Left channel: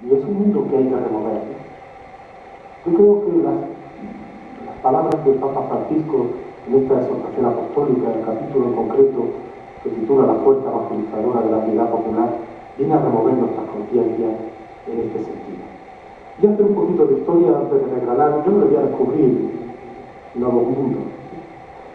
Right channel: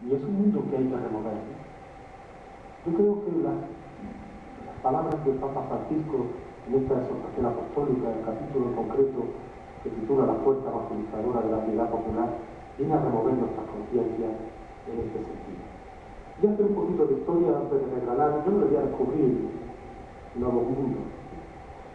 Y es un mundo que hay que remover. Yo creo que las palabras del Papa Francisco en esta exhortación apostólica, el capítulo en concreto que titula La fuerza evangelizadora de la piedad popular, viene a remover nuestras conciencias en este sentido. Voy a hacer un poquito de historia antes de regalar. Yo no voy a descubrir nuevos mundos.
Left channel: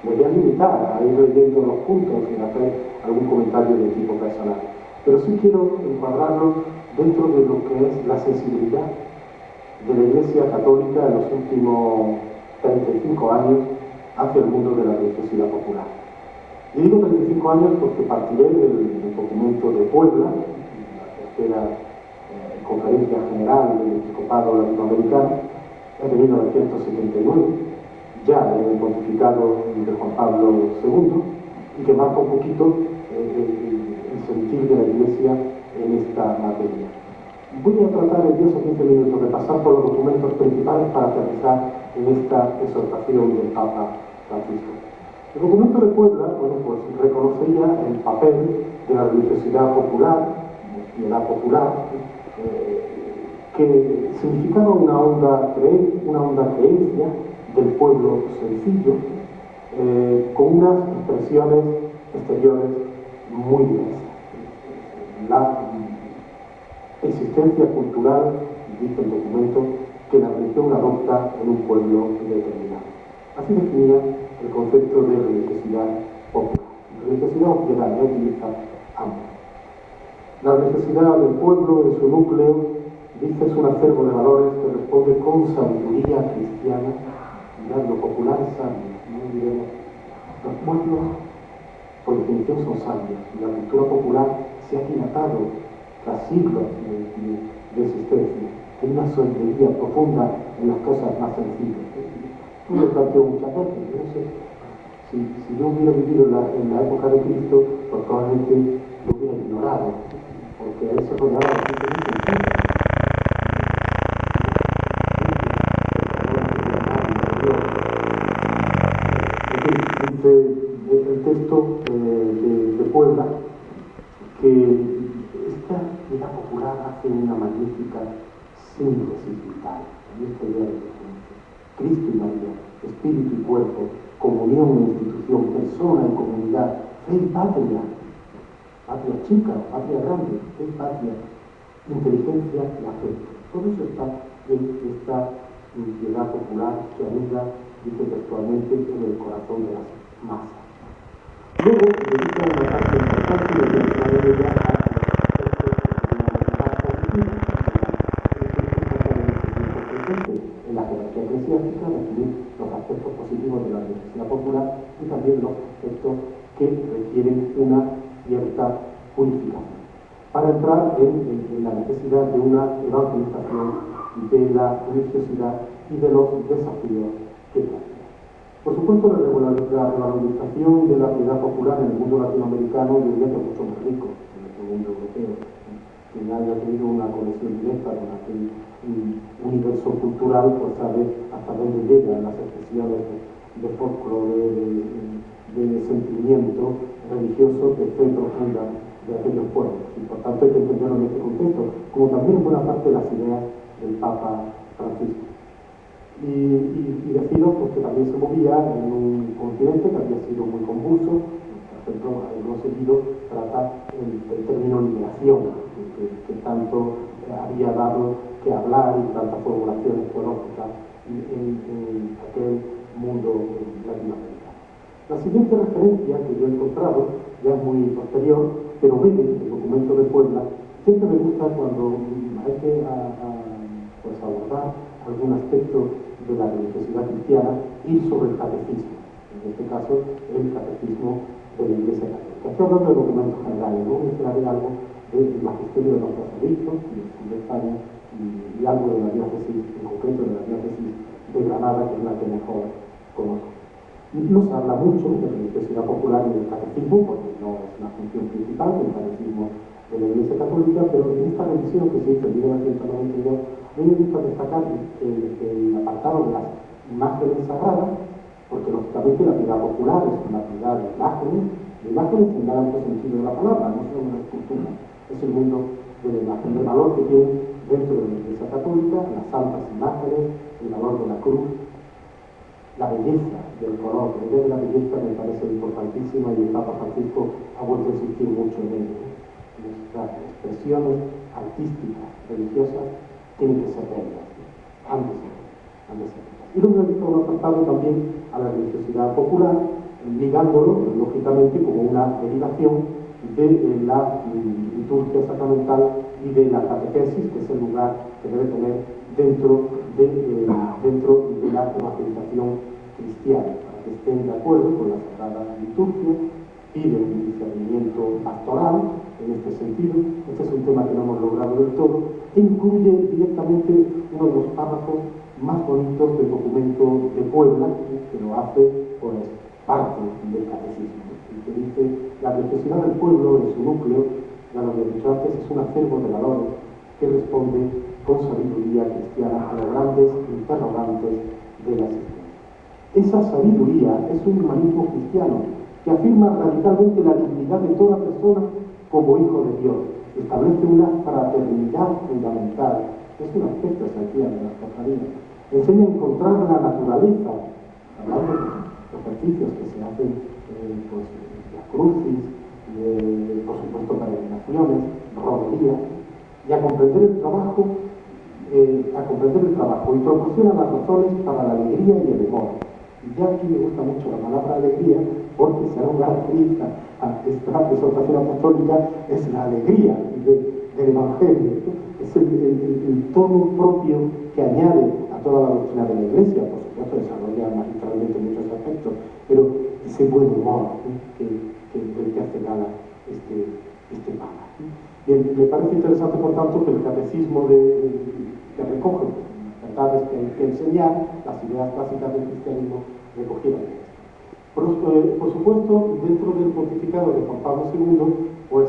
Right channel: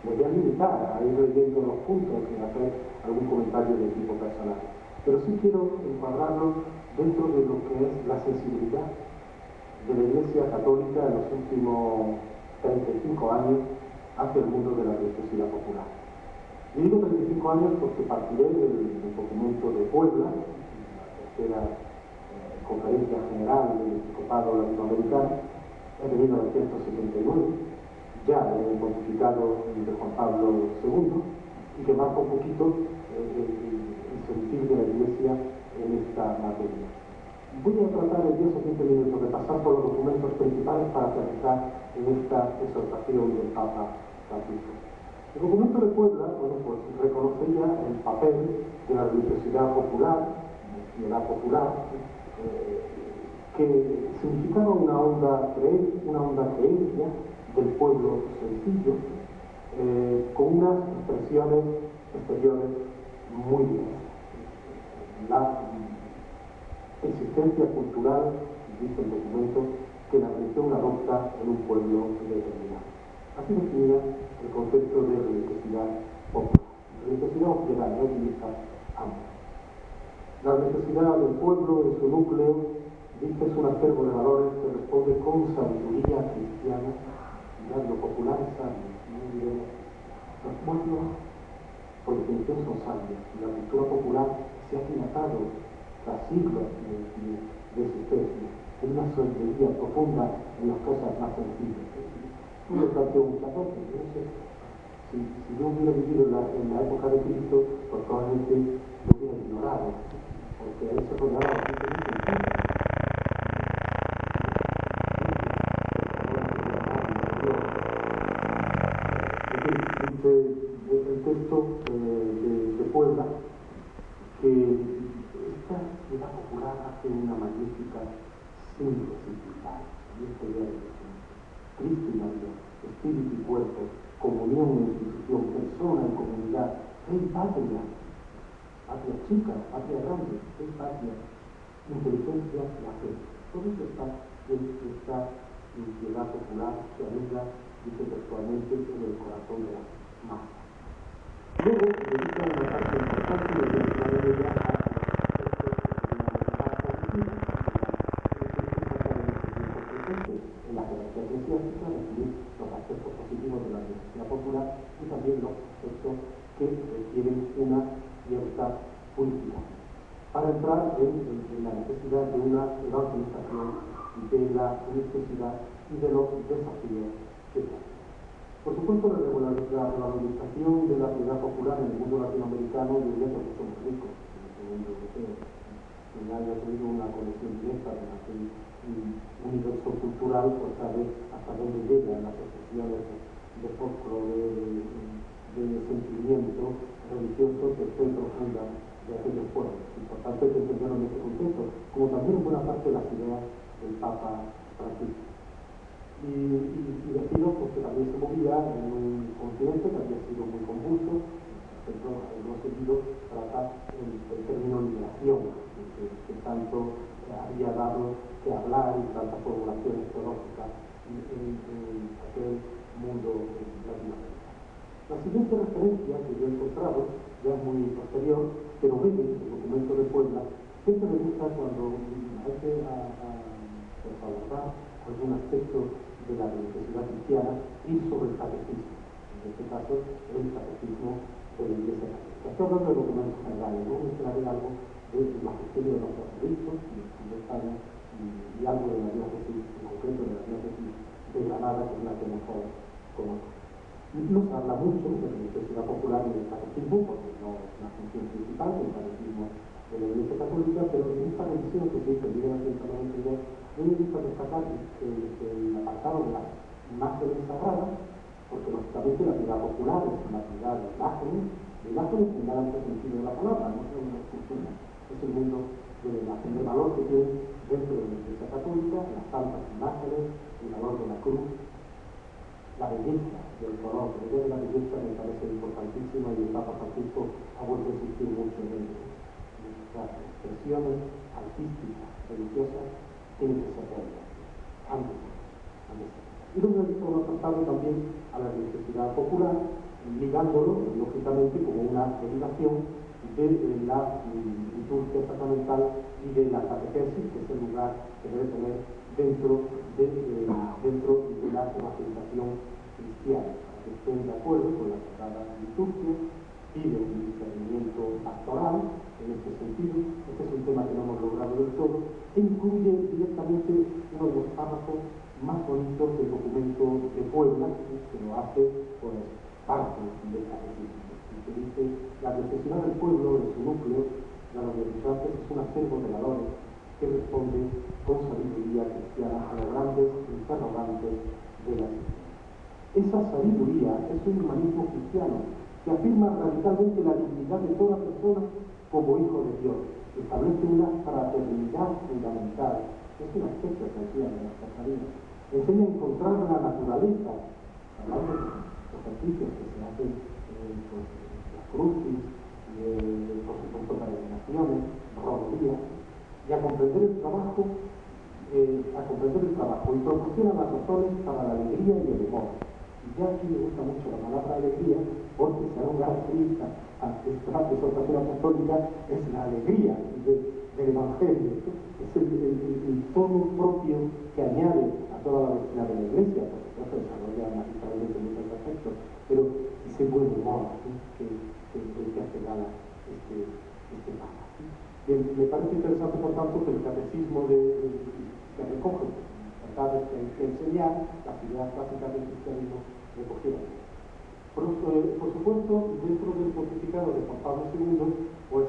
Me voy a limitar a ir leyendo los puntos y hacer algún comentario de tipo personal. Pero sí quiero encuadrarlo dentro de lo que es la sensibilidad de la Iglesia Católica en los últimos 35 años hacia el mundo de la religiosidad popular. Y digo 35 años porque partiré del documento de Puebla, la tercera Conferencia General del Episcopado Latinoamericano, de 1979, ya en el pontificado de Juan Pablo II, y que marca un poquito el sentir de la Iglesia en esta materia. Voy a tratar en 10 o 15 minutos de pasar por los documentos principales para aterrizar en esta exhortación del Papa Francisco. El documento de Puebla, bueno, pues reconocía el papel de la religiosidad popular, piedad popular, que significaba una honda creencia del pueblo sencillo, con unas expresiones exteriores muy diversas. La existencia cultural, dice el documento, que la religión adopta en un pueblo determinado. Así definía el concepto de religiosidad popular. Religiosidad o piedad, no utiliza ambos. La religiosidad del pueblo, en su núcleo, dice es un acervo de valores que responde con sabiduría cristiana. Mirad, lo popular es sabio, no diremos. Los pueblos, por definición, son sabios, y la cultura popular se ha dilatado tras siglos de existencia. Hay una sabiduría profunda en las cosas más sencillas. Yo me planteo muchas veces, no sé, si yo hubiera vivido en la época de Cristo, pues probablemente lo hubiera ignorado, porque a eso rodeaba la gente muy sencilla. Dice el texto de Puebla que esta piedad popular hace una magnífica síntesis vital. Esta idea de Cristo y María, espíritu y cuerpo, comunión e institución, persona y comunidad, fe y patria, patria chica, patria grande, fe y patria, inteligencia y afecto. Todo eso está en esta piedad popular que anida, dice textualmente, en el corazón de las masas. Luego, dedica una parte importante de la de ella a en la jerarquía eclesiástica, definir los aspectos positivos de la religiosidad popular y también los aspectos que requieren una cierta purificación. Para entrar en la necesidad de una evangelización de la religiosidad y de los desafíos que plantea. Por supuesto, la revalorización de la piedad popular en el mundo latinoamericano yo diría que es mucho más rico en el mundo europeo. Quien haya tenido una conexión directa con aquel universo cultural, pues sabe hasta dónde llegan las expresiones de folclore, de sentimiento religioso, de fe profunda de aquellos pueblos. Y por tanto hay que entenderlo en este contexto, como también en buena parte de las ideas del Papa Francisco. Y decido porque también se movía en un continente que había sido muy convulso. Por ejemplo, algo seguido trata el término liberación, que tanto había dado que hablar y tantas formulaciones teológicas en aquel mundo latinoamericano. La siguiente referencia que yo he encontrado, ya es muy posterior, pero breve, el documento de Puebla, siempre me gusta cuando hay que pues abordar algún aspecto de la religiosidad cristiana y sobre el catecismo, en este caso el catecismo de la Iglesia Católica. Estoy hablando de documentos generales, luego mencionaré algo del magisterio de los obispos de España y algo de la diócesis, en concreto de la diócesis de Granada, que es la que mejor conozco. No se habla mucho de religiosidad popular y del catecismo, porque no es la función principal del catecismo de la Iglesia Católica, pero en esta revisión que se hizo en 1992, a mí me gusta destacar el apartado de las imágenes sagradas, porque lógicamente la piedad popular es una piedad de imágenes en el sentido de la palabra, no es una escultura, es el mundo de la imagen, del valor que tiene dentro de las santas imágenes, el valor de la cruz, la belleza del color. La idea de la belleza me parece importantísima y el Papa Francisco ha vuelto a insistir mucho en ello. Nuestras expresiones artísticas, religiosas, tienen que ser bellas, han de ser bellas. Y luego he visto un apartado también a la religiosidad popular, ligándolo, lógicamente, como una derivación de la liturgia sacramental y de la catequesis, que es el lugar que debe tener dentro de la evangelización cristiana, para que estén de acuerdo con la Sagrada Liturgia, pide un discernimiento pastoral en este sentido. Este es un tema que no hemos logrado del todo, e incluye directamente uno de los párrafos más bonitos del documento de Puebla, que lo hace pues parte del catecismo, y que dice: la necesidad del pueblo en su núcleo, ya lo había dicho antes, es un acervo de valores que responde con sabiduría cristiana a los grandes interrogantes de la existencia. Esa sabiduría es un humanismo cristiano que afirma radicalmente la dignidad de toda persona como hijo de Dios, establece una fraternidad fundamental, es un aspecto esencial de las cofradías, enseña a encontrar la naturaleza, hablando de los ejercicios que se hacen, pues, las crucis, por supuesto peregrinaciones, romerías, y a comprender el trabajo y proporciona las razones para la alegría y el amor. Y ya aquí me gusta mucho la palabra alegría, porque si algo caracteriza a esta exhortación apostólica es la alegría del Evangelio, es el tono propio que añade a toda la doctrina de la Iglesia, por supuesto desarrolla magistralmente muchos aspectos, pero ese buen humor del que hace gala este Papa. Bien, me parece interesante, por tanto, que el catecismo que recoge las verdades que hay que enseñar, las ideas básicas del cristianismo, recogieran. Por supuesto, dentro del pontificado de Juan Pablo II, pues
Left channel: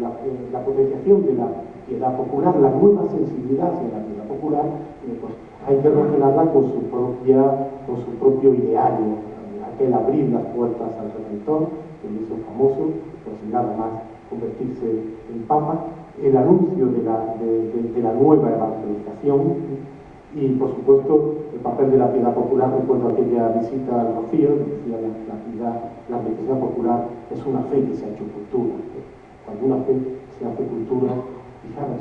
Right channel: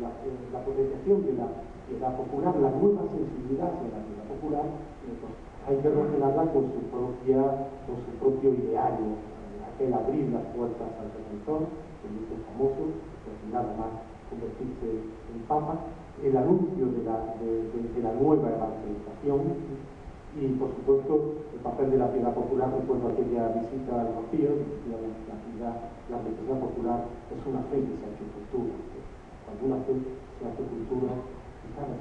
la potenciación de la piedad popular, la nueva sensibilidad hacia la piedad popular, pues hay que relacionarla con su propio ideario, aquel abrir las puertas al Redentor, que hizo famoso, pues nada más convertirse en Papa, el anuncio de la nueva evangelización y, por supuesto, el papel de la piedad popular. Recuerdo aquella visita al Rocío, decía la necesidad popular es una fe que se ha hecho cultura. Cuando una fe se hace cultura, fijaros,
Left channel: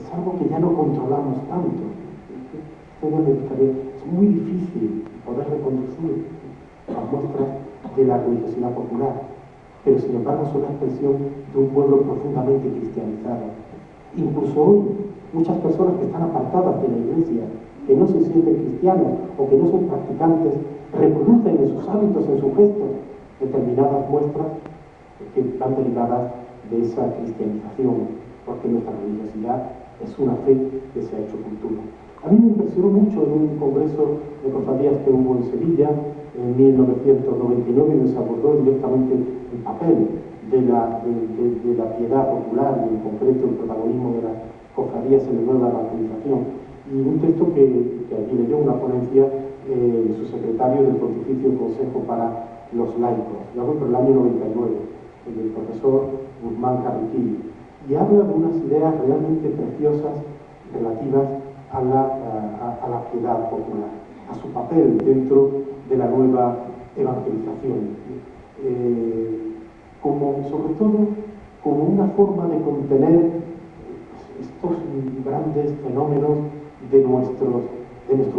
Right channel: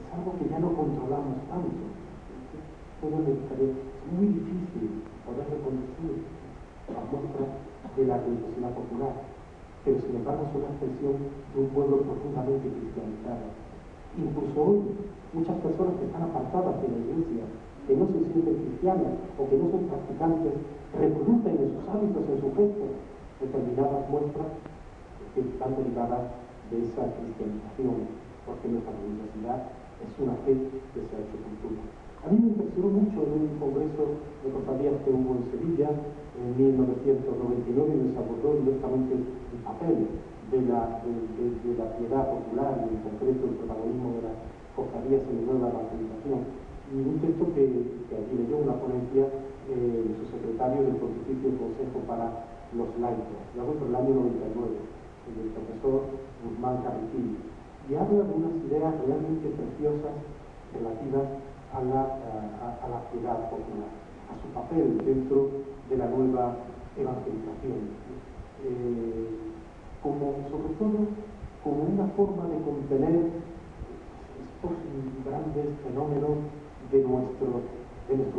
es algo que ya no controlamos tanto. Es muy difícil poder reconducir las muestras de la religiosidad popular, pero sin embargo son la expresión de un pueblo profundamente cristianizado. Incluso hoy, muchas personas que están apartadas de la Iglesia, que no se sienten cristianos o que no son practicantes, reproducen en sus hábitos, en sus gestos, determinadas muestras que están derivadas de esa cristianización, porque nuestra religiosidad es una fe que se ha hecho cultura. A mí me impresionó mucho en un congreso de cofradías que hubo en Sevilla en 1999, y se abordó directamente el papel de la piedad popular y en concreto el protagonismo de las cofradías en la nueva evangelización. Y un texto que allí leyó una ponencia su secretario del Pontificio Consejo para los Laicos, lo hago por el año 99, el profesor Guzmán Carriquillo, y habla de unas ideas realmente preciosas relativas a la piedad popular, a su papel dentro de la nueva evangelización, sobre todo como una forma de contener estos grandes fenómenos de nuestro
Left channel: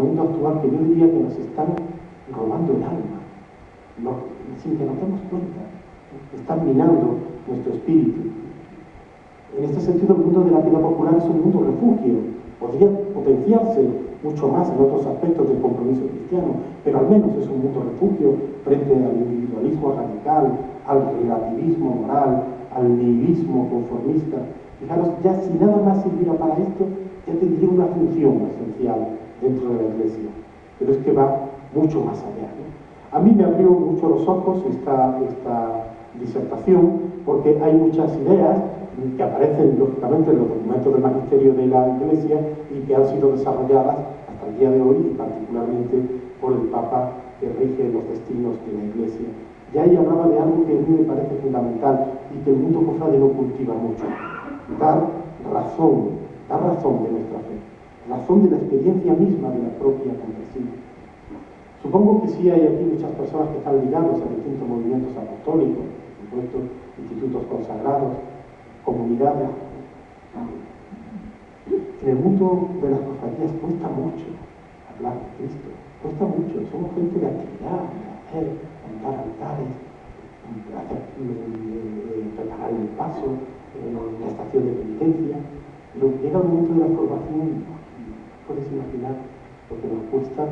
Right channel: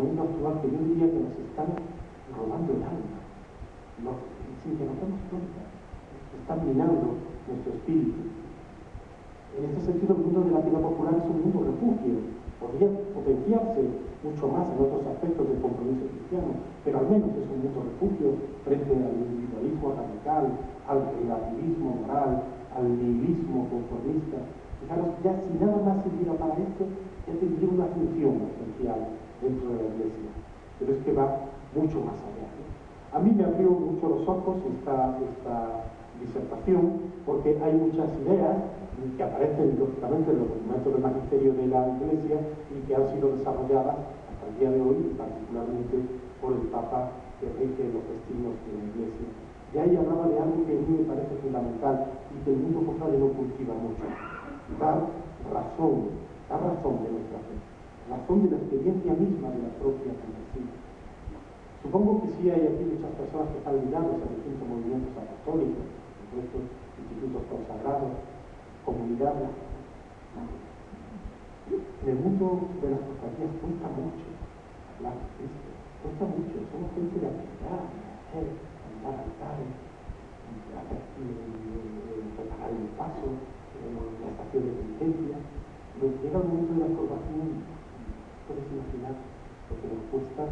mundo actual, que yo diría que nos están robando el alma, sin que nos demos cuenta, están minando nuestro espíritu. En este sentido, el mundo de la piedad popular es un mundo refugio. Podría potenciarse mucho más en otros aspectos del compromiso cristiano, pero al menos es un mundo refugio frente al individualismo radical, al relativismo moral, al nihilismo conformista. Fijaros, ya si nada más sirviera para esto, ya tendría una función esencial dentro de la Iglesia, pero es que va mucho más allá, ¿no? A mí me abrió mucho los ojos esta disertación, porque hay muchas ideas que aparecen lógicamente en los documentos del magisterio de la Iglesia y que han sido desarrolladas hasta el día de hoy, y particularmente por el Papa que rige los destinos de la Iglesia. Ya ahí hablaba de algo que a mí me parece fundamental y que el mundo cofrade no cultiva mucho: dar razón, da razón de nuestra fe, razón de la experiencia misma de la propia confesión. Supongo que sí hay aquí muchas personas que están ligadas a distintos movimientos apostólicos, por supuesto, institutos consagrados, comunidades. En el mundo de las cofradías cuesta mucho hablar de Cristo, cuesta mucho, somos gente de actividad, de hacer, montar altares, preparar el paso, la estación de penitencia, pero llega el momento de la formación, puedes imaginar lo que nos cuesta.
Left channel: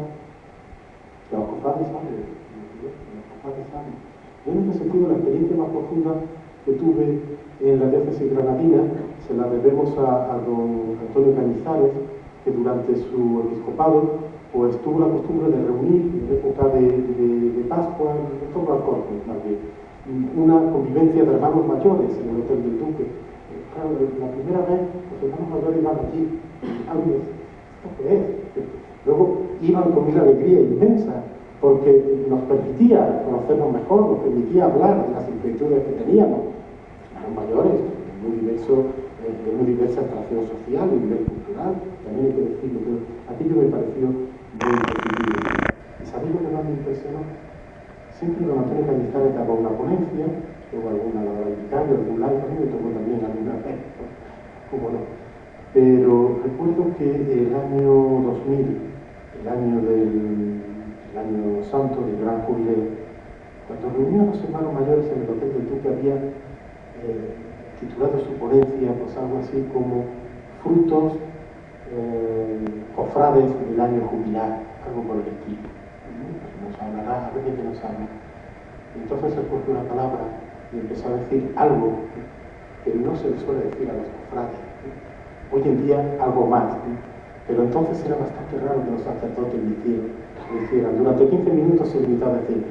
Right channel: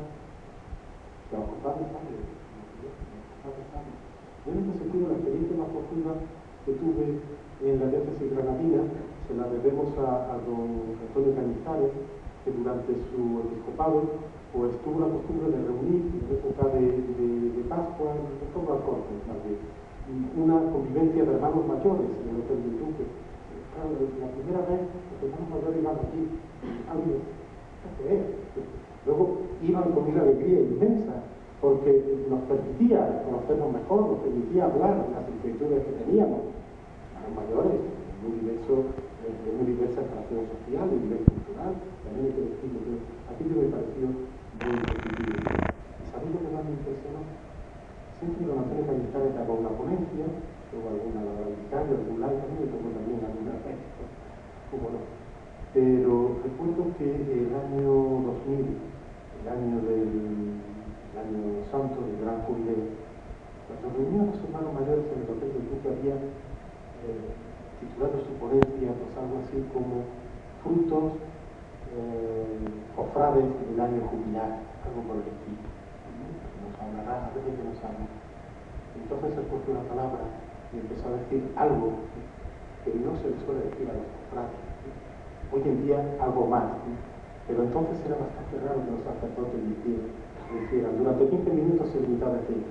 Que los cofrades saben, Yo en este sentido la experiencia más profunda que tuve en la diócesis granadina se la debemos a don Antonio Cañizares, que durante su episcopado pues tuvo la costumbre de reunir en época de Pascua, de todo el corte, una convivencia de hermanos mayores en el Hotel del Duque. Claro, la primera vez los hermanos mayores iban allí, ¿qué es? Luego iban con una alegría inmensa, porque nos permitía conocernos mejor, nos permitía hablar de las inquietudes que teníamos. Los mayores, de muy diversa atracción social, de nivel cultural, también hay que decirlo, pero aquello me pareció muy positivo. Y sabéis lo que más me impresionó, siempre don Antonio Cañizares daba una ponencia, o alguna vicaria, algún laico, a mí me tocó también alguna vez, cómo no. Pero recuerdo que el año 2000, el año santo del gran jubileo, cuando reunía a los hermanos mayores en el Hotel del Duque, había titulado su ponencia pues algo así como frutos cofrades del año jubilar, algo por el estilo. Nos hablará, a ver de qué nos habla. Entonces se cogió una palabra y empezó a decir algo que no se le suele decir a los cofrades. Hoy en día algo más. Pero entonces era bastante raro que los sacerdotes lo hicieran. Durante 15 minutos se limitaba a decir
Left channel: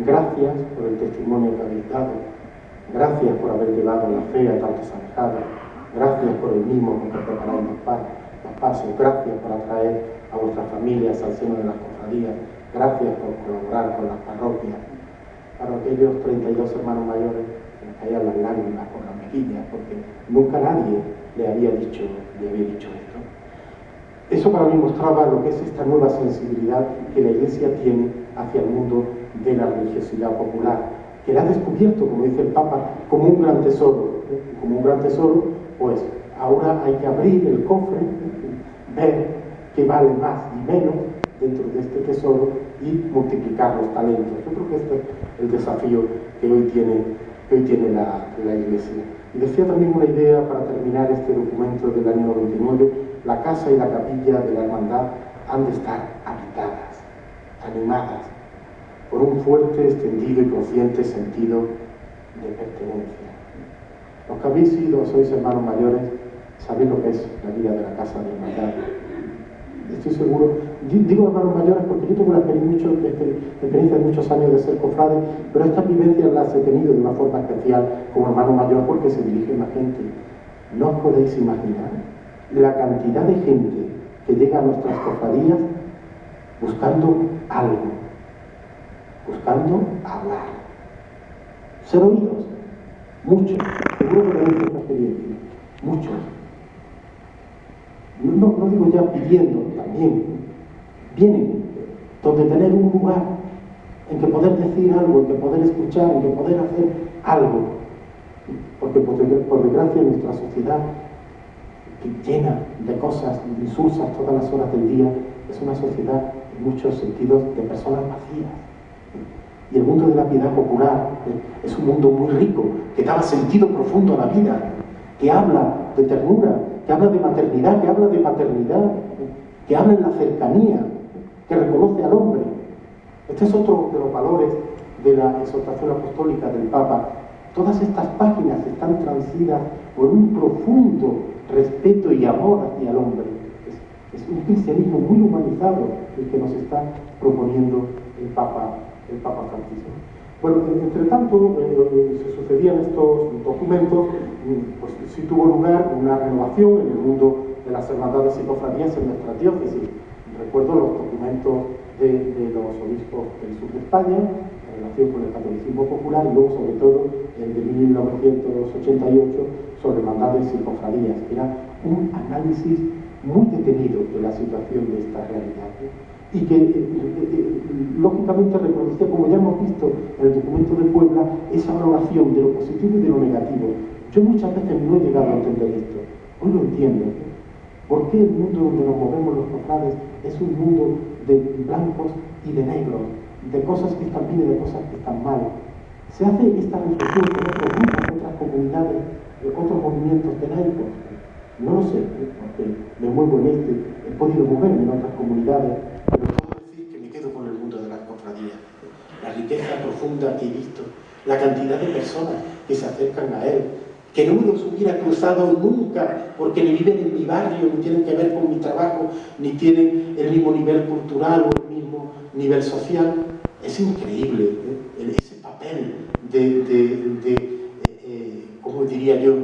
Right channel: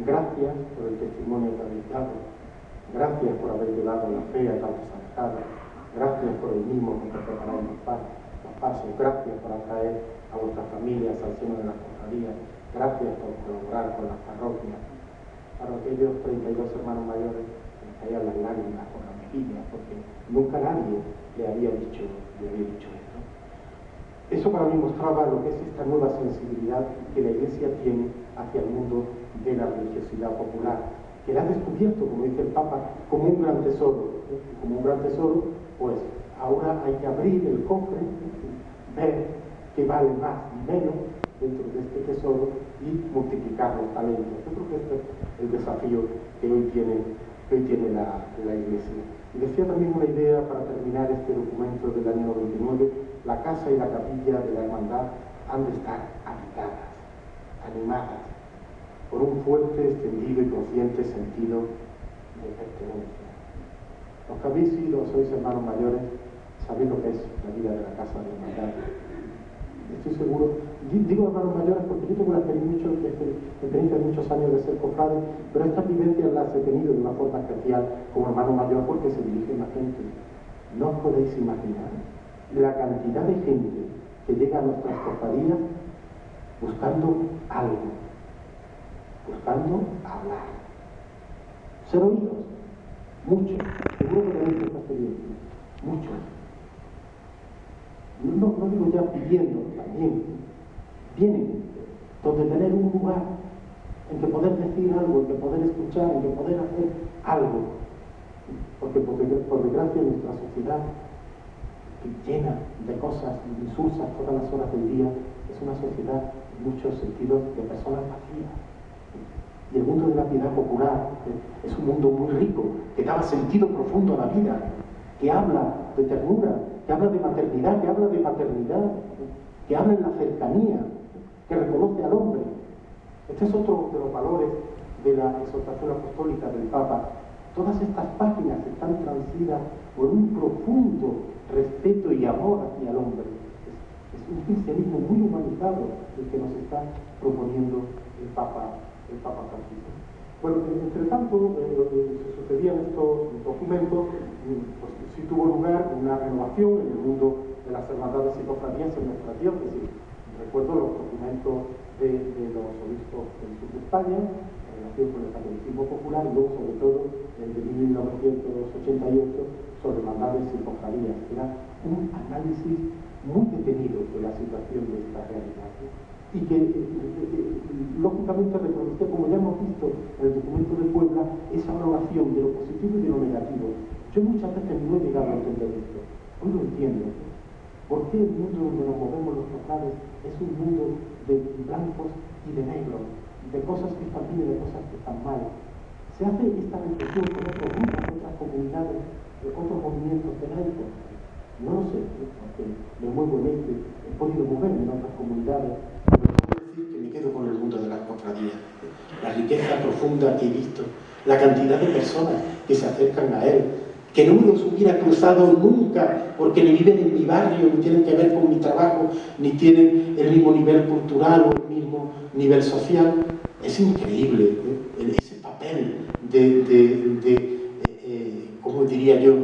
gracias por el testimonio que habéis dado, gracias por haber llevado la fe a tantos alejados, gracias por el mimo con que preparáis los pasos, gracias por atraer a vuestras familias al seno de las cofradías, gracias por colaborar con las parroquias. Para aquellos 32 hermanos mayores se les caían las lágrimas por las mejillas, porque nunca nadie le había dicho esto. Eso para mí mostraba lo que es esta nueva sensibilidad que la Iglesia tiene hacia el mundo de la religiosidad popular, que la ha descubierto, como dice el Papa, como un gran tesoro. Como un gran tesoro, pues ahora hay que abrir el cofre, ver qué vale más y menos dentro de este tesoro y multiplicar los talentos. Yo creo que este es el desafío que hoy tiene la Iglesia. Y decía también una idea para terminar este documento del año 99, la casa y la capilla de la hermandad han de estar habitadas, animadas, por un fuerte, extendido y consciente sentido de pertenencia. Los que habéis sido, sois hermanos mayores, sabéis lo que es la vida de la casa de la hermandad. Estoy seguro, digo hermanos mayores porque yo tengo la experiencia de muchos años de ser cofrade, pero estas vivencias las he tenido de una forma especial como hermano mayor porque se dirige a la gente. No os podéis imaginar la cantidad de gente que llega a nuestras cofradías buscando algo, buscando hablar, ser oídos, muchos, seguro que tenéis esta experiencia, muchos. No digo ya pidiendo, también vienen donde tener un lugar en que poder decir algo, en que poder escuchar, en que poder hacer algo, porque por desgracia nuestra sociedad llena de cosas insulsas todas las horas del día, es una sociedad en muchos sentidos de personas vacías. Y el mundo de la piedad popular es un mundo muy rico, que da sentido profundo a la vida, que habla de ternura, que habla de maternidad, que habla de paternidad, que habla en la cercanía, que reconoce al hombre. Este es otro de los valores de la exhortación apostólica del Papa. Todas estas páginas están transidas por un profundo respeto y amor hacia el hombre. Es un cristianismo muy humanizado el que nos está proponiendo el Papa Francisco. Bueno, entre tanto, se sucedían estos documentos, pues sí tuvo lugar una renovación en el mundo de las hermandades y cofradías en nuestra diócesis. Recuerdo los documentos de los obispos del sur de España, en relación con el catolicismo popular, y luego, sobre todo, el de 1988, sobre hermandades y cofradías, que era un análisis muy detenido de la situación de esta realidad, y que lógicamente reconocía, como ya hemos visto en el documento de Puebla, esa valoración de lo positivo y de lo negativo. Yo muchas veces no he llegado a entender esto, hoy lo entiendo. ¿Por qué el mundo donde nos movemos los cofrades es un mundo de blancos y de negros, de cosas que están bien y de cosas que están mal? Se hace esta reflexión con otros grupos, otras comunidades, otros movimientos de la época. No lo sé, porque me muevo en este, he podido moverme en otras comunidades, pero puedo decir que me quedo con el mundo de las cofradías. La riqueza profunda que he visto, la cantidad de personas que se acercan a él, que no me los hubiera cruzado nunca, porque ni viven en mi barrio, ni tienen que ver con mi trabajo, ni tienen el mismo nivel cultural o el mismo nivel social. Es increíble, ese papel ¿cómo diría yo?,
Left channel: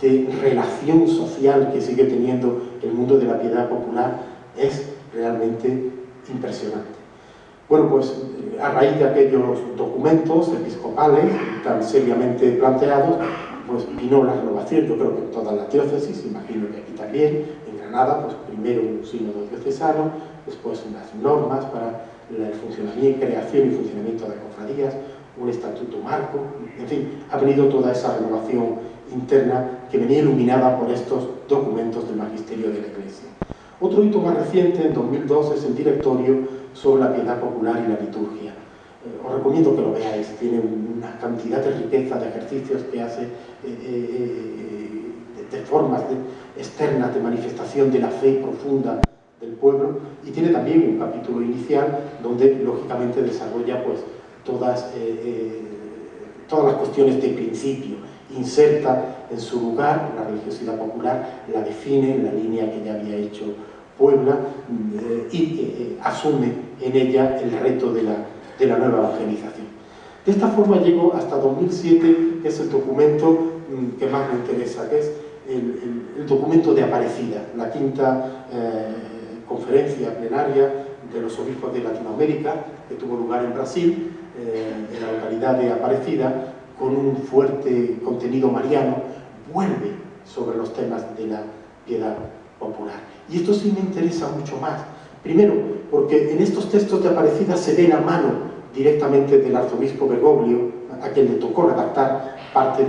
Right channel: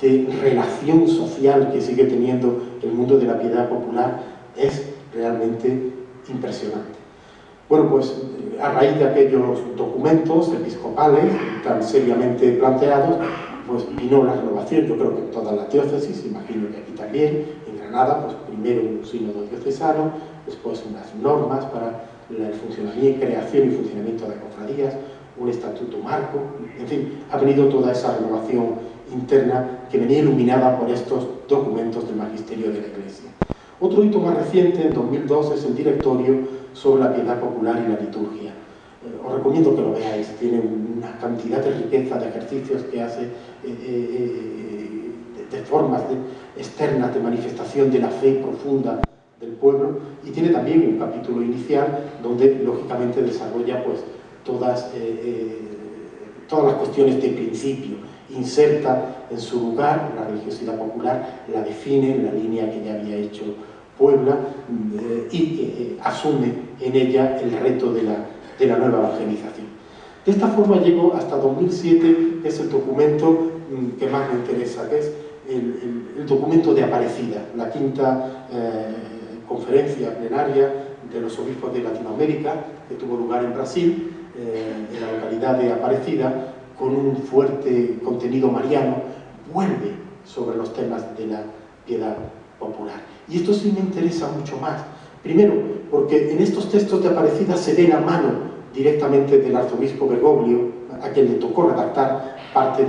de relación social que sigue teniendo el mundo de la piedad popular es realmente impresionante. Bueno, pues a raíz de aquellos documentos episcopales tan seriamente planteados, pues vino la renovación, yo creo que en todas las diócesis, imagino que aquí también, en Granada, pues primero un sínodo diocesano, después unas normas para el funcionamiento, creación y funcionamiento de cofradías, un estatuto marco, en fin, ha venido toda esa renovación interna que venía iluminada por estos documentos del magisterio de la Iglesia. Otro hito más reciente, en 2002, es el directorio sobre la piedad popular y la liturgia. Os recomiendo que lo veáis, tiene una cantidad de riqueza de ejercicios que hace, de formas externas de manifestación de la fe profunda del pueblo, y tiene también un capítulo inicial donde lógicamente desarrolla pues todas las cuestiones de principio, inserta en su lugar la religiosidad popular, la define en la línea que ya había hecho Puebla y asume en ella el reto de la nueva evangelización. De esta forma llego hasta 2007, que es el documento que más me interesa, que es el documento de Aparecida, la quinta conferencia plenaria de los obispos de Latinoamérica, que tuvo lugar en Brasil, en la localidad de Aparecida, con un fuerte contenido mariano, vuelve sobre los temas de la piedad popular. Y esto sí me interesa mucho más. Primero, porque en estos textos de Aparecida se ve la mano directamente del arzobispo Bergoglio, a quien le tocó redactar parte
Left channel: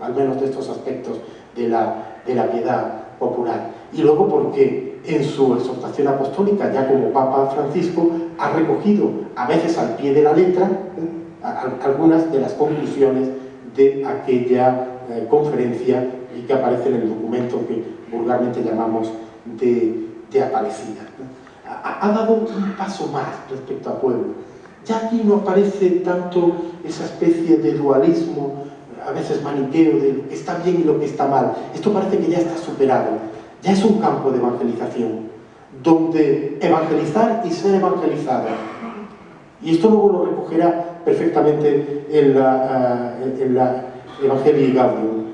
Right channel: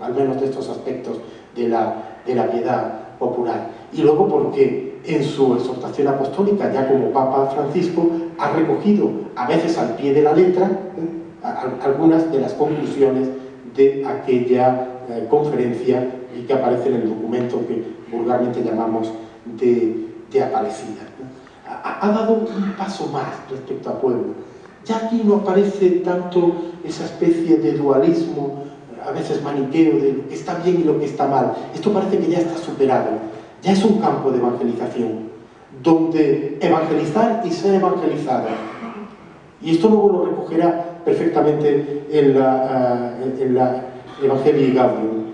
al menos de estos aspectos de la piedad popular. Y luego porque en su exhortación apostólica, ya como Papa Francisco, ha recogido, a veces al pie de la letra, algunas de las conclusiones de aquella conferencia y que aparece en el documento que vulgarmente llamamos de Aparecida. Ha dado un paso más respecto a Puebla. Ya aquí no aparece tanto esa especie de dualismo, a veces maniqueo, de lo que está bien y lo que está mal. Esto parece que ya está superado. Ya es un campo de evangelización, donde evangelizar y ser evangelizado. Y esto luego lo recogerá perfectamente en la Evangelii Gaudium.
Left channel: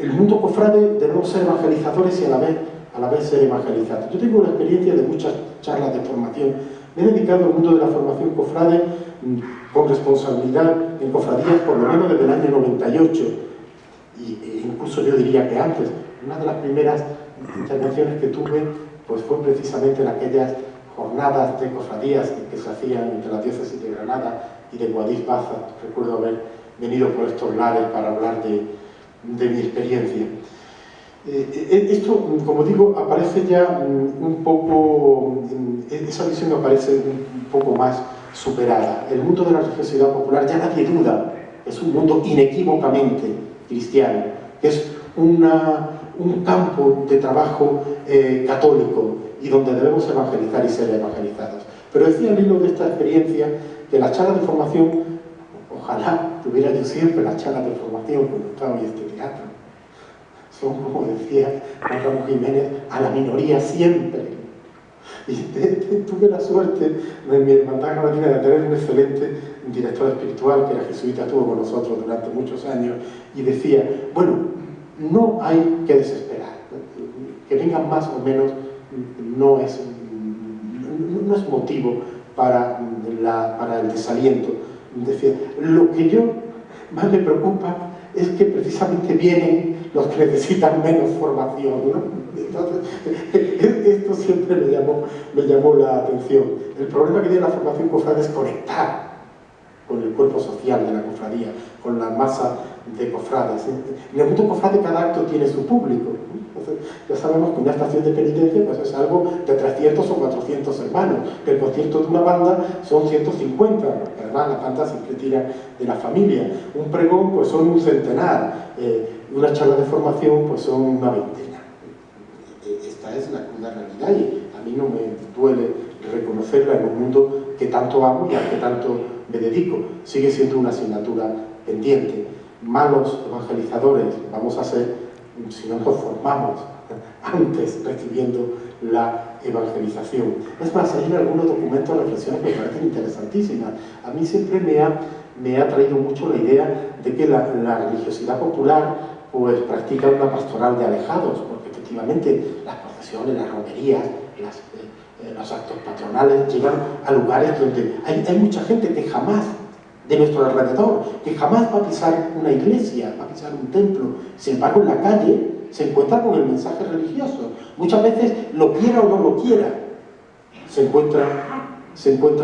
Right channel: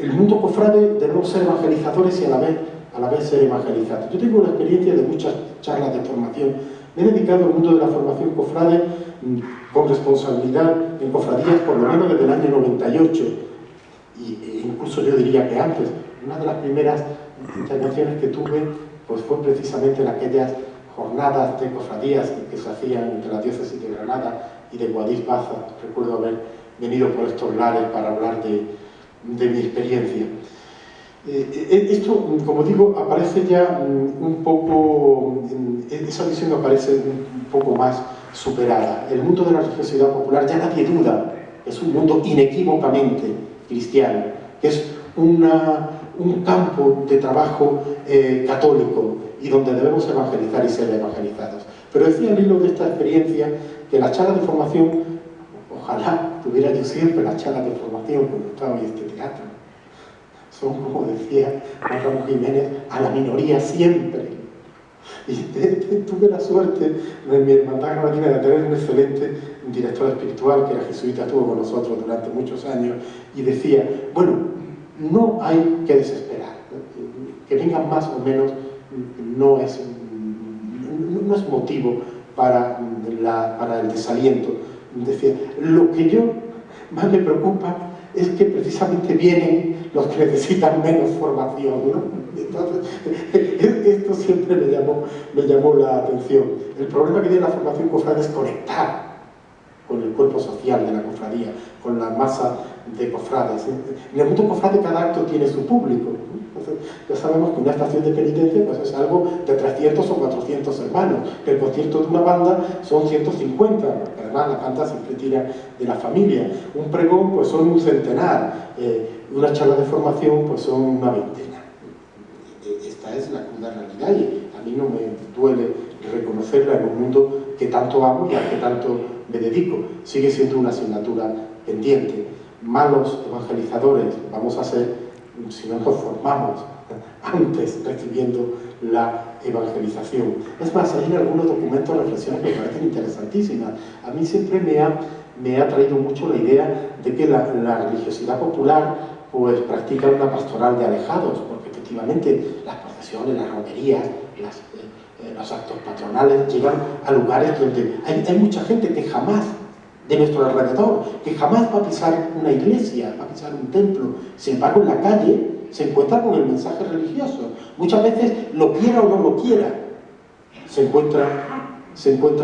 El mundo cofrade debemos ser evangelizadores y a la vez ser evangelizados. Yo tengo la experiencia de muchas charlas de formación. Me he dedicado al mundo de la formación cofrade con responsabilidad en cofradías por lo menos desde el año 98, e incluso yo diría que antes. Una de las primeras intervenciones que tuve pues fue precisamente en aquellas jornadas de cofradías que se hacían entre la diócesis de Granada y de Guadix Baza. Recuerdo haber venido por estos lares para hablar de mi experiencia. Esto, como digo, aparece ya un poco, esa visión aparece un poco más superada. El mundo de la religiosidad popular ya nadie duda, es un mundo inequívocamente cristiano, que es un campo de trabajo católico y donde debemos evangelizar y ser evangelizados. Pero decía al hilo de esta experiencia que las charlas de formación, ojalá tuviera yo siempre las charlas de formación cuando estaba en este teatro, son, como decía Juan Ramón Jiménez, a la minoría siempre. Y tuve la suerte de mi hermandad granadina de tener un excelente director espiritual que era jesuita, estuvo con nosotros durante muchos años y decía, bueno, no hay que desesperar, que vengan más o menos no es motivo para el desaliento. Decía, lo que yo más me preocupa es que precisamente vienen los que necesitan menos formación, ¿no? Entonces, esto siempre me llamó la atención. El problema que tiene la formación cofrade es conectar con el cuerpo social de la cofradía, con la masa de cofrades. En el mundo cofrade cada acto tiene su público. Entonces, ya sabemos que una estación de penitencia pues, es algo de 300 o 400 hermanos, que el concierto de una banda son 150, porque además la banda siempre tira de la familia. Un pregón pues son un centenar, una charla de formación pues son una veintena. Esta es la cruda realidad y a mí no me duele reconocerla en un mundo que tanto amo y al que tanto me dedico. Sigue siendo una asignatura pendiente. Malos evangelizadores vamos a ser si no nos formamos antes recibiendo la evangelización. Es más, hay en algunos documentos reflexiones que me parecen interesantísimas. A mí siempre me ha traído mucho la idea de que la religiosidad popular pues practica una pastoral de alejados, porque efectivamente las procesiones, las romerías, los actos patronales llegan a lugares donde hay mucha gente que jamás, de nuestro alrededor, que jamás va a pisar una iglesia, va a pisar un templo. Sin embargo, en la calle se encuentra con el mensaje religioso. Muchas veces, lo quiera o no lo quiera, se encuentra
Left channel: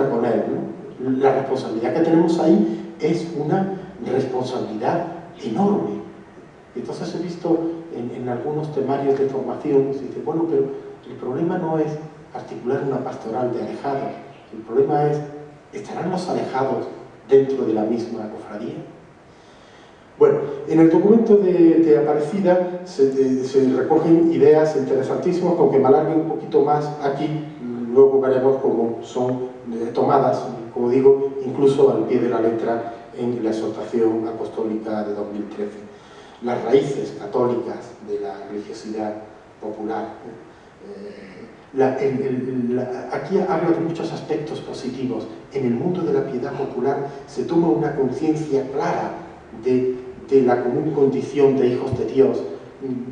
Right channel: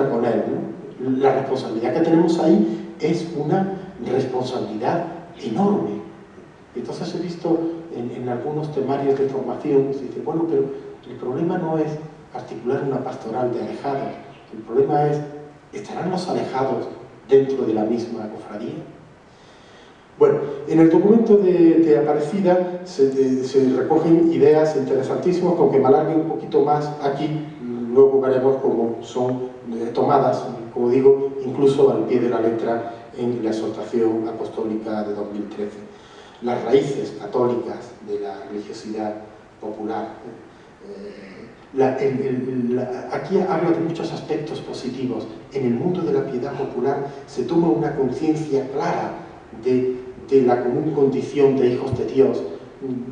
con él, ¿no? La responsabilidad que tenemos ahí es una responsabilidad enorme. Entonces he visto en algunos temarios de formación, se dice, bueno, pero el problema no es articular una pastoral de alejados, el problema es, ¿estarán los alejados dentro de la misma cofradía? Bueno, en el documento de Aparecida se recogen ideas interesantísimas, con que me alargue un poquito más aquí, luego veremos cómo son tomadas, como digo, incluso al pie de la letra en la exhortación apostólica de 2013. Las raíces católicas de la religiosidad popular. Aquí habla de muchos aspectos positivos. En el mundo de la piedad popular se toma una conciencia clara de la común condición de hijos de Dios.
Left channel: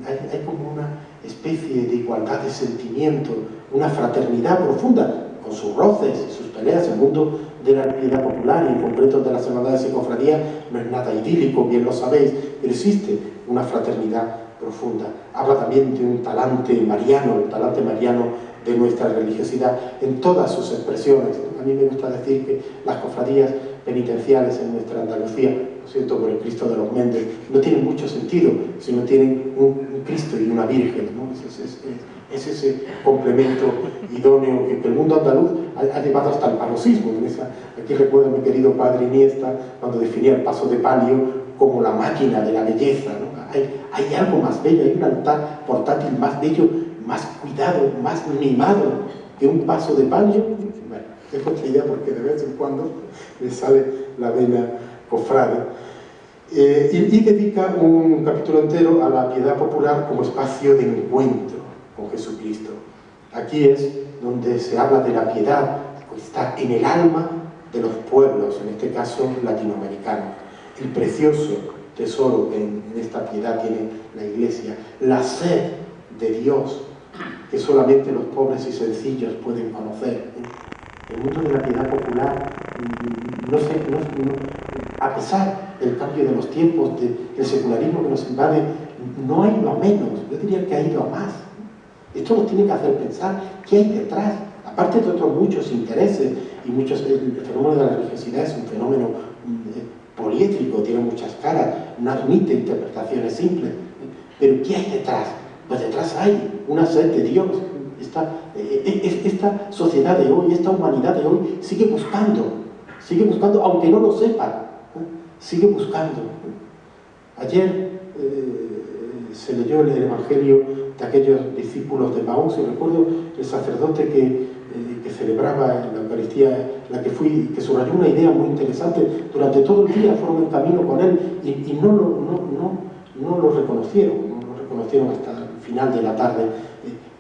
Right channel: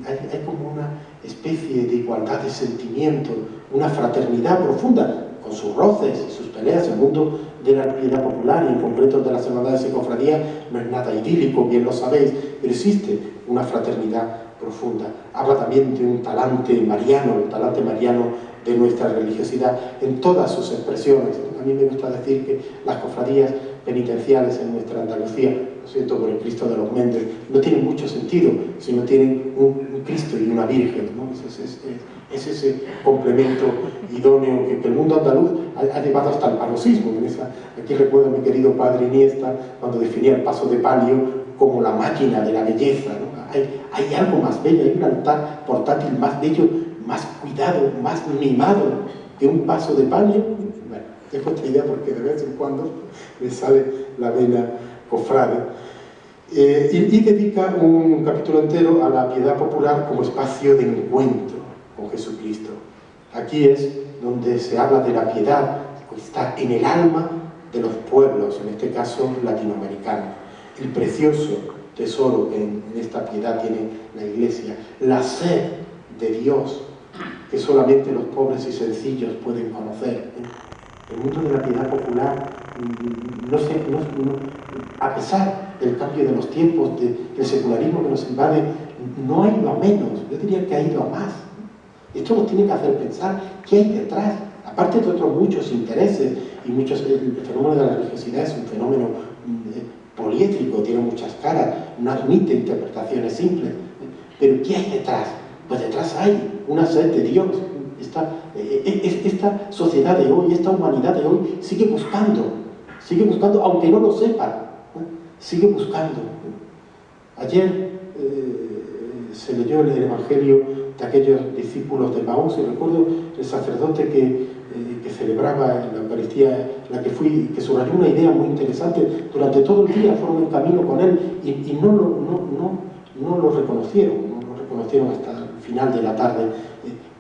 Hay como una especie de igualdad de sentimiento, una fraternidad profunda, con sus roces y sus peleas. El mundo de la piedad popular, y en concreto de las hermandades y cofradías, no es nada idílico, bien lo sabéis, pero existe una fraternidad profunda. Habla también de un talante mariano, el talante mariano de nuestra religiosidad en todas sus expresiones. A mí me gusta decir que las cofradías penitenciales en nuestra Andalucía, lo siento por el Cristo de los Méndez, no tienen mucho sentido si no tienen un Cristo y una Virgen, ¿no? Es ese complemento idóneo que el mundo andaluz ha llevado hasta el paroxismo. Aquí recuerdo a mi querido padre Iniesta cuando definía el paso de palio como la máquina de la belleza, ¿no? Hay algo más bello, hay un altar portátil más bello, más cuidado, más mimado que un paso de palio. Bueno, dejo esta idea porque de vez en cuando me sale la vena cofrade. Y dedica un capítulo entero a la piedad popular como espacio de encuentro con Jesucristo. Aquí es donde se habla de la piedad que está en el alma de los pueblos, en este caso latinoamericanos. El precioso tesoro que en esta piedad tiene la Iglesia, la sed de Dios que solamente los pobres y sencillos pueden conocer. El mundo de la piedad popular, a pesar del cambio de los tiempos, del secularismo que nos invade, no ha ido a menos, yo diría que ha ido a más. Esto nos tiene que hacer pensar qué hay detrás, aparte de otros muchos intereses y el fenómeno de la religiosidad es un fenómeno poliédrico, tiene muchas caras, no admite interpretaciones simples. Pero ¿qué hay detrás? Pues detrás hay una sed de Dios. Esta sociedad de hoy, esta humanidad de hoy sigue buscando, aunque no lo sepa, sigue buscando. Ayer se leyó el Evangelio de aquellos discípulos de Maús, y recuerdo el sacerdote que celebraba en la Eucaristía, la que fui, que subrayó una idea muy interesante. Durante todo el día fueron en camino con él y no lo reconocieron hasta el final de la tarde.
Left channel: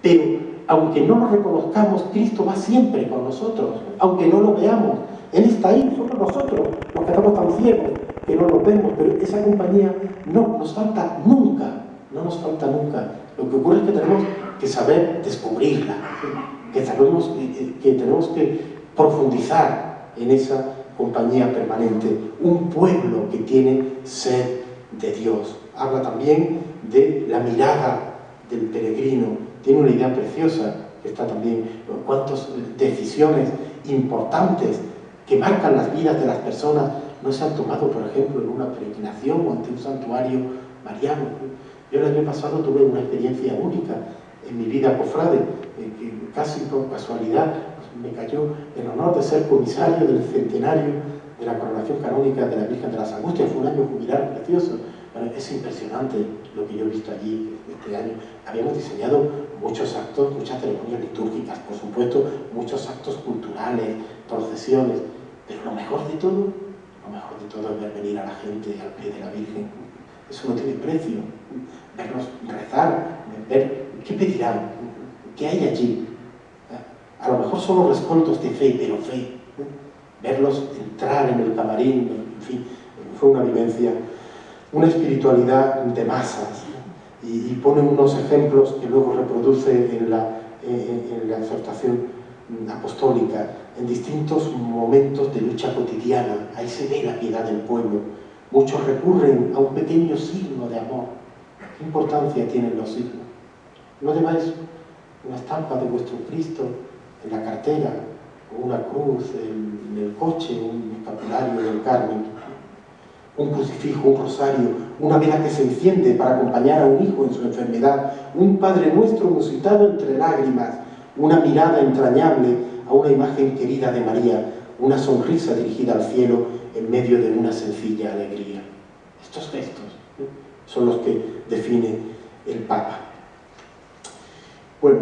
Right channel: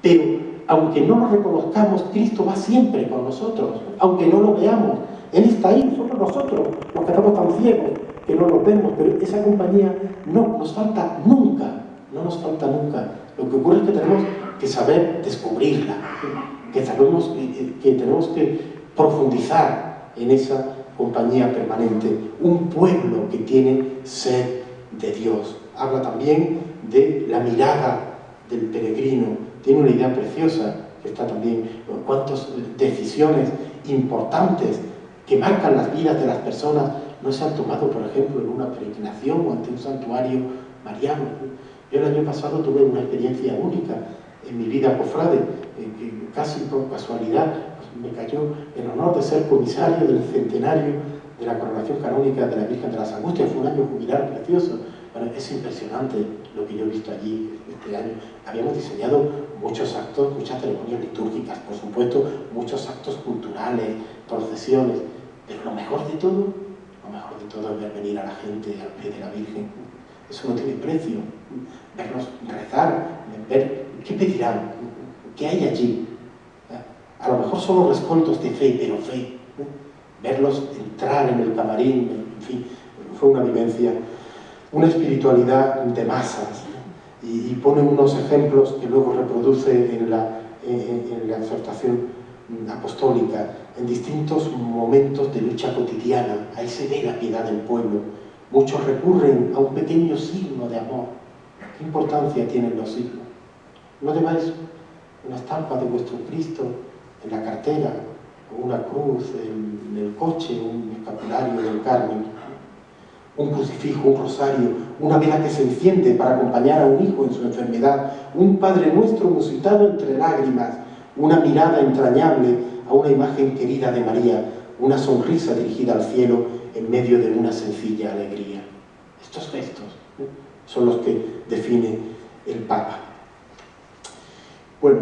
Pero aunque no lo reconozcamos, Cristo va siempre con nosotros, aunque no lo veamos. Él está ahí, somos nosotros los que estamos tan ciegos que no lo vemos, pero esa compañía no nos falta nunca. Lo que ocurre es que tenemos que saber descubrirla, que tenemos que profundizar en esa compañía permanente. Un pueblo que tiene sed de Dios. Habla también de la mirada del peregrino. Tiene una idea preciosa, que está también, cuántas decisiones importantes que marcan las vidas de las personas no se han tomado, por ejemplo, en una peregrinación o ante un santuario mariano. Yo el año pasado tuve una experiencia única en mi vida cofrade, que casi por casualidad me cayó el honor de ser comisario del centenario de la coronación canónica de la Virgen de las Angustias. Fue un año jubilar precioso. Bueno, es impresionante lo que yo he visto allí este año. Habíamos diseñado muchos actos, muchas ceremonias litúrgicas, por supuesto, muchos actos culturales, procesiones, pero lo mejor de todo es ver venir a la gente al pie de la Virgen. Eso no tiene precio. Verlos rezar, ver qué pedirán, qué hay allí. A lo mejor son los rescoldos de fe, pero fe. Verlos entrar en el camarín, en fin, fue una vivencia, una espiritualidad de masas. Y pone unos ejemplos que luego reproduce en la exhortación apostólica, en distintos momentos de lucha cotidiana. Ahí se ve la piedad del pueblo. Muchos recurren a un pequeño signo de amor. ¿Qué importancia tienen los signos? No lleváis una estampa de vuestro Cristo en la cartera, o una cruz en el coche, un escapulario del Carmen, un crucifijo, un rosario, una vela que se enciende para acompañar a un hijo en su enfermedad, un Padre Nuestro musitado entre lágrimas, una mirada entrañable a una imagen querida de María, una sonrisa dirigida al cielo en medio de una sencilla alegría. Estos gestos son los que define el Papa. Bueno,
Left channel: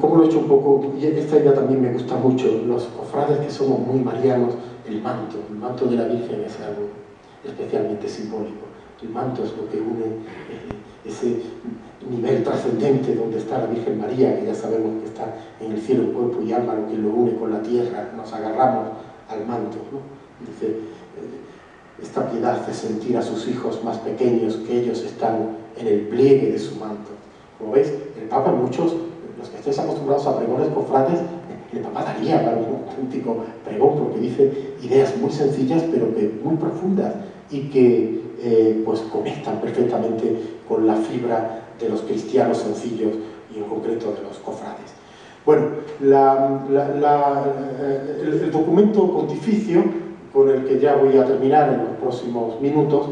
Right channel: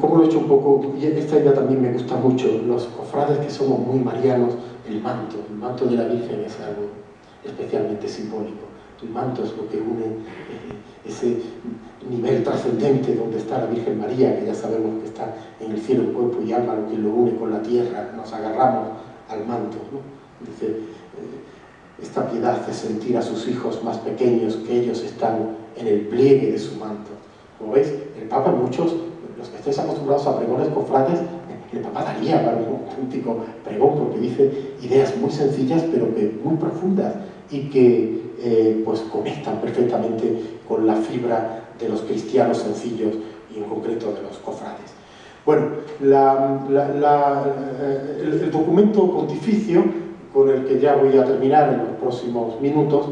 como lo he hecho un poco, y esta idea también me gusta mucho, los cofrades que somos muy marianos, el manto de la Virgen es algo especialmente simbólico. El manto es lo que une ese nivel trascendente donde está la Virgen María, que ya sabemos que está en el cielo en cuerpo y alma, lo que lo une con la tierra, nos agarramos al manto, ¿no? Dice, esta piedad hace sentir a sus hijos más pequeños que ellos están en el pliegue de su manto. Como veis, el Papa, muchos, los que estáis acostumbrados a pregones cofrades, el Papa daría para un auténtico pregón, porque dice ideas muy sencillas, pero que muy profundas, y que pues conectan perfectamente con la fibra de los cristianos sencillos y en concreto de los cofrades. Bueno, el documento pontificio, con el que ya voy a terminar en los próximos minutos,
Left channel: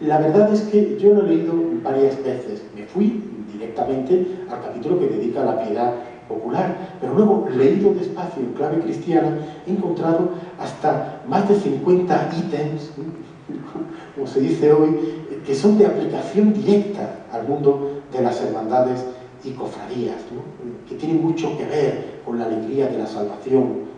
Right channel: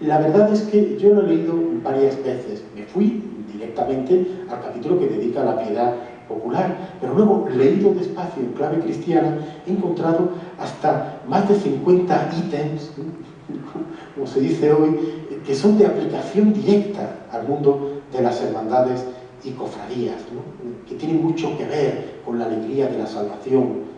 la verdad es que yo lo he leído varias veces. Me fui directamente al capítulo que dedica a la piedad popular, pero luego, leído despacio en clave cristiana, he encontrado hasta más de 50 ítems, como se dice hoy, que son de aplicación directa al mundo de las hermandades y cofradías, ¿no? Que tienen mucho que ver con la alegría de la salvación,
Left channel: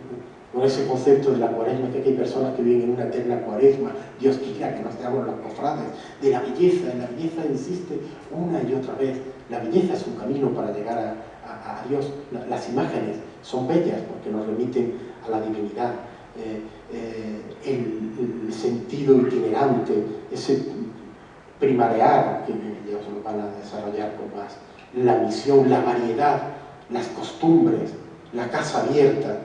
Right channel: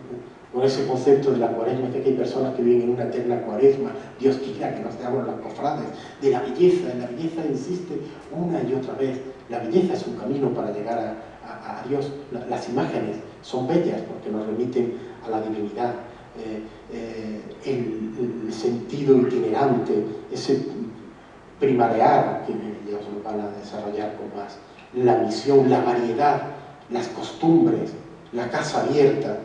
con ese concepto de la cuaresma, que hay personas que viven en una eterna cuaresma, Dios quiera que nos seamos los cofrades, de la belleza, en la belleza insiste una y otra vez, la belleza es un camino para llegar a Dios, las imágenes son bellas porque nos remiten a la divinidad, el sentido itinerante, ese primarear que ellos lo van a desarrollar con más, la misión, la variedad, las costumbres, la casa abierta.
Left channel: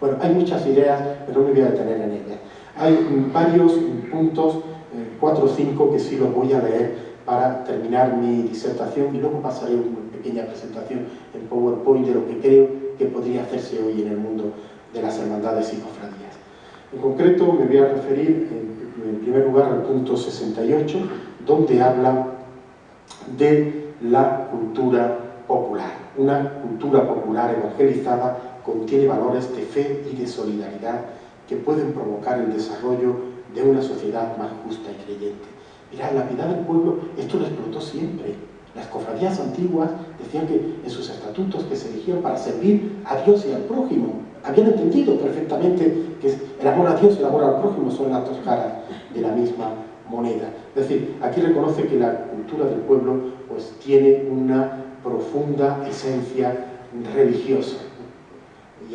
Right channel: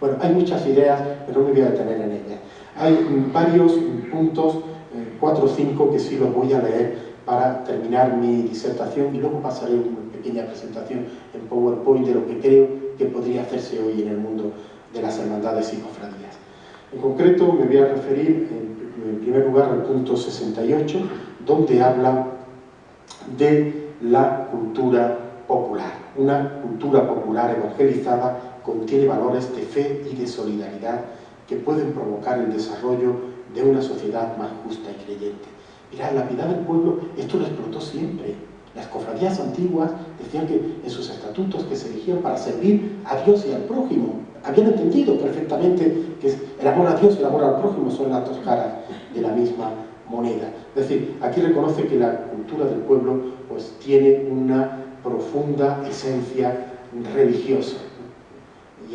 Bueno, hay muchas ideas, pero no me voy a detener en ellas. Hay varios puntos, 4 o 5, que sí los voy a leer para terminar mi disertación y luego pasaré una pequeña presentación en PowerPoint de lo que creo que podría hacerse hoy en el mundo de las hermandades y cofradías. En concreto me voy a referir en primer lugar al punto 68, donde habla de la cultura popular. Una cultura popular evangelizada contiene valores de fe y de solidaridad que pueden provocar el desarrollo de una sociedad más justa y creyente. Mirad, la piedad del pueblo, esto lo explotó siempre. Las cofradías antiguas decían que en sus estatutos que se elegían para servir a Dios y al prójimo. Habían entendido perfectamente que el amor a Dios y el amor al prójimo son las dos caras de la misma moneda. Es decir, aquí reconoce que la cultura del pueblo pues tiene una profunda esencia religiosa y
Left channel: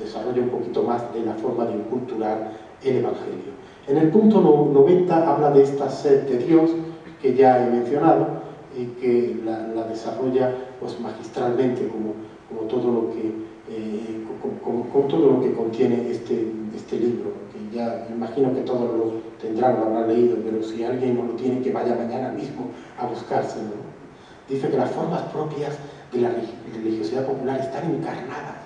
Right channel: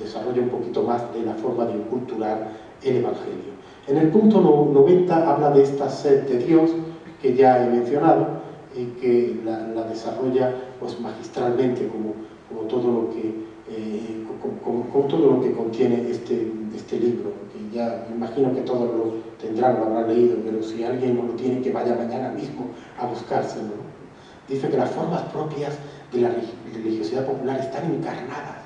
desarrolla un poquito más de la forma de inculturar el Evangelio. En el punto 90 habla de esta sed de Dios que ya he mencionado y que la desarrolla pues magistralmente como todo lo que con todo lo que contiene este libro, que ya me imagino que todos lo tendrán, lo habrán leído, pero si alguien no lo tiene, que vaya mañana mismo a buscárselo, ¿no? Dice que las formas propias de la religiosidad popular están encarnadas.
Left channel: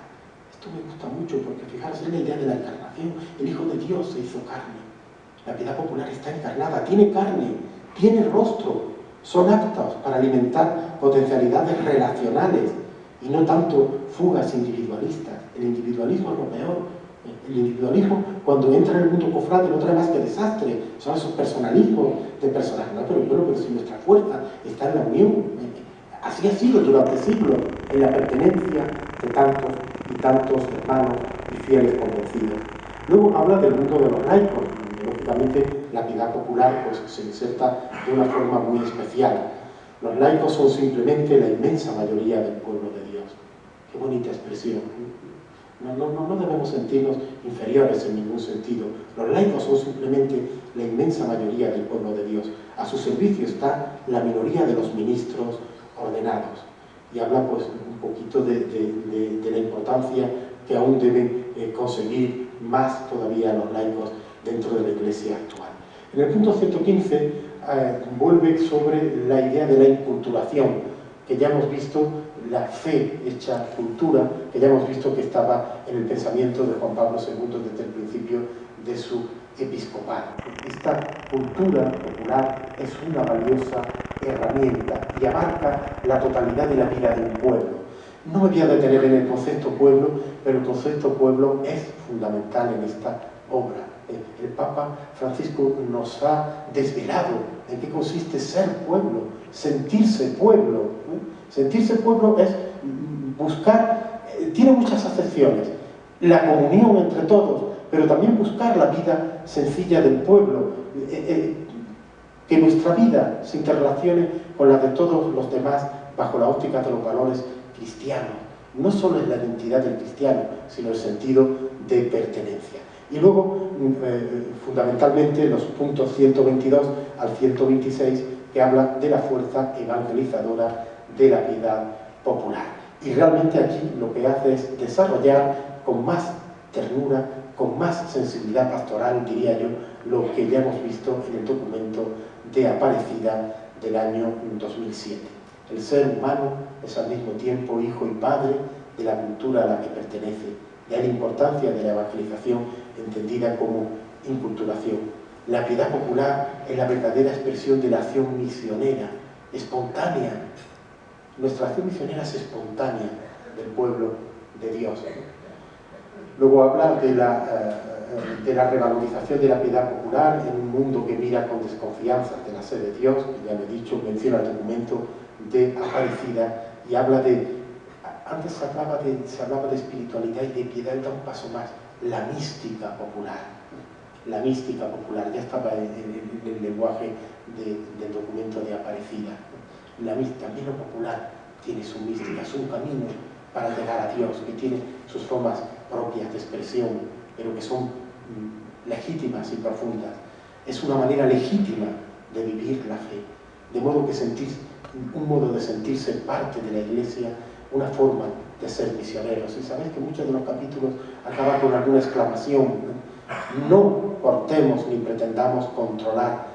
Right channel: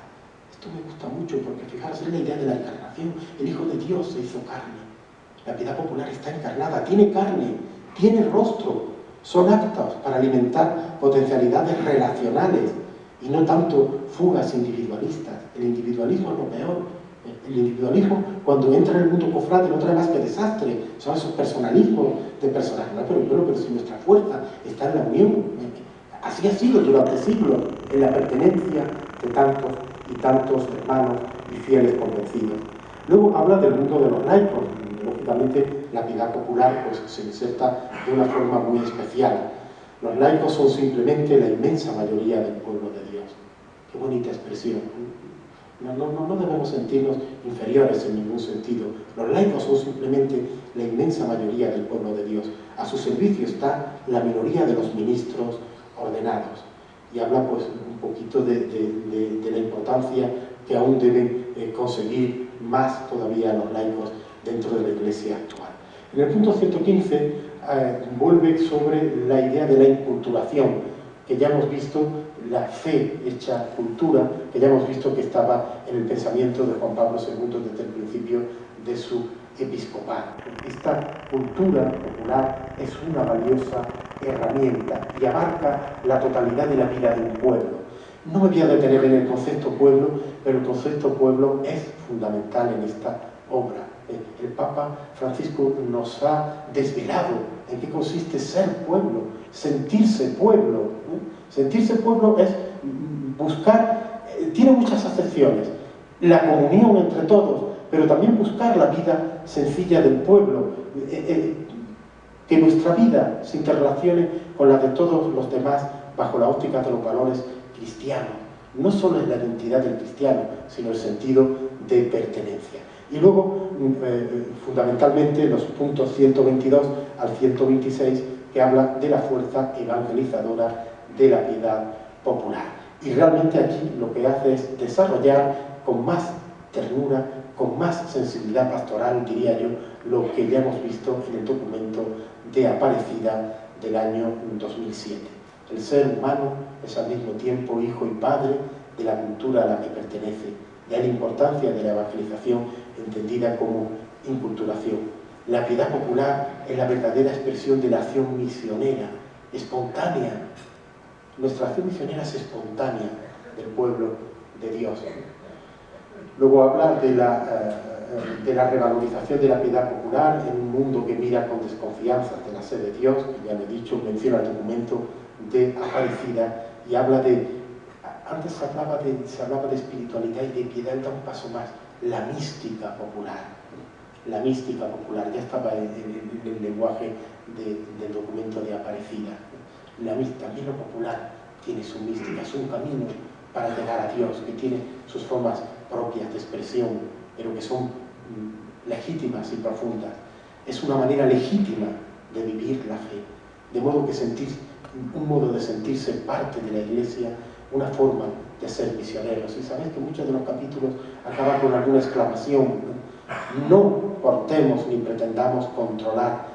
Esto me gusta mucho porque, fijaros, es la idea de la encarnación. El Hijo de Dios se hizo carne. La piedad popular está encarnada, tiene carne, tiene rostro, son aptos para alimentar potencialidades relacionales y no tanto fugas individualistas. El individualismo es lo peor. El individualismo, cuando entra en el mundo cofrade, no trae más que desastre. Son esos personalismos de personajes. No, pero si nuestra fuerza está en la unión. Así ha sido durante siglos, en la pertenencia de tantos y tantos hermanos y fieles convencidos. Luego habla del mundo de los laicos. Lógicamente, la piedad popular pues, se inserta de una forma muy especial. Los laicos son simplemente la inmensa mayoría del pueblo de Dios. Qué bonita expresión. No debemos sentirnos inferiores en ningún sentido. Los laicos son simplemente la inmensa mayoría del pueblo de Dios. A su servicio está la minoría de los ministros ordenados. Y habla pues un poquito de la importancia que aún deben conseguir más todavía los laicos dentro de la Iglesia actual. En el punto 115 vuelve sobre la idea de la inculturación, que ya hemos visto, la fe hecha cultura, que ya hemos visto que estaba en el pensamiento de Juan Pablo II desde el principio de su episcopado. Esta cultura popular es una valiosa herramienta y abarca la totalidad de la vida de un pueblo. No me voy a detener en el concepto pueblo, pero el concepto pueblo es fundamental en esta obra. El Papa Francisco nos ha desvelado en qué consiste ser pueblo, sentirse pueblo. Sentirse pueblo es buscar, tiene muchas acepciones, la comunión entre todos, pero también buscar la vida sencilla del pueblo, que nuestra vida se interrelacione con la de todos los demás bajo la óptica de los valores cristianos. No solo es la identidad del cristiano, sino el sentido de pertenencia. Y luego, fundamentalmente, los puntos 122 al 126, que hablan de la fuerza evangelizadora de la piedad popular. Y realmente aquí lo que hace es desarrollar con más ternura, con más sensibilidad pastoral, diría yo, lo que ya hemos visto en el documento de Aparecida del año 2007. El ser humano es al mismo tiempo hijo y padre de la cultura a la que pertenece. De ahí la importancia de la evangelización entendida como inculturación. La piedad popular es la verdadera expresión de la acción misionera, espontánea. Nuestra acción misionera es espontánea del pueblo de Dios. Luego habla de la revalorización de la piedad popular en un mundo que mira con desconfianza de la sed de Dios, que ya lo he dicho, menciona el documento de Aparecida y habla de... Antes se hablaba de espiritualidad y de piedad, da un paso más, la mística popular. La mística popular, ya estaba en el lenguaje del documento de Aparecida. También lo popular tiene su mística, es un camino para llegar a Dios, que tiene sus formas propias de expresión, pero que son legítimas y profundas. Es una manera legítima de vivir la fe, de modo que un modo de sentirse parte de la Iglesia, una forma de ser misioneros. Y sabéis que muchos de los capítulos acaban con alguna exclamación. No cortemos ni pretendamos controlar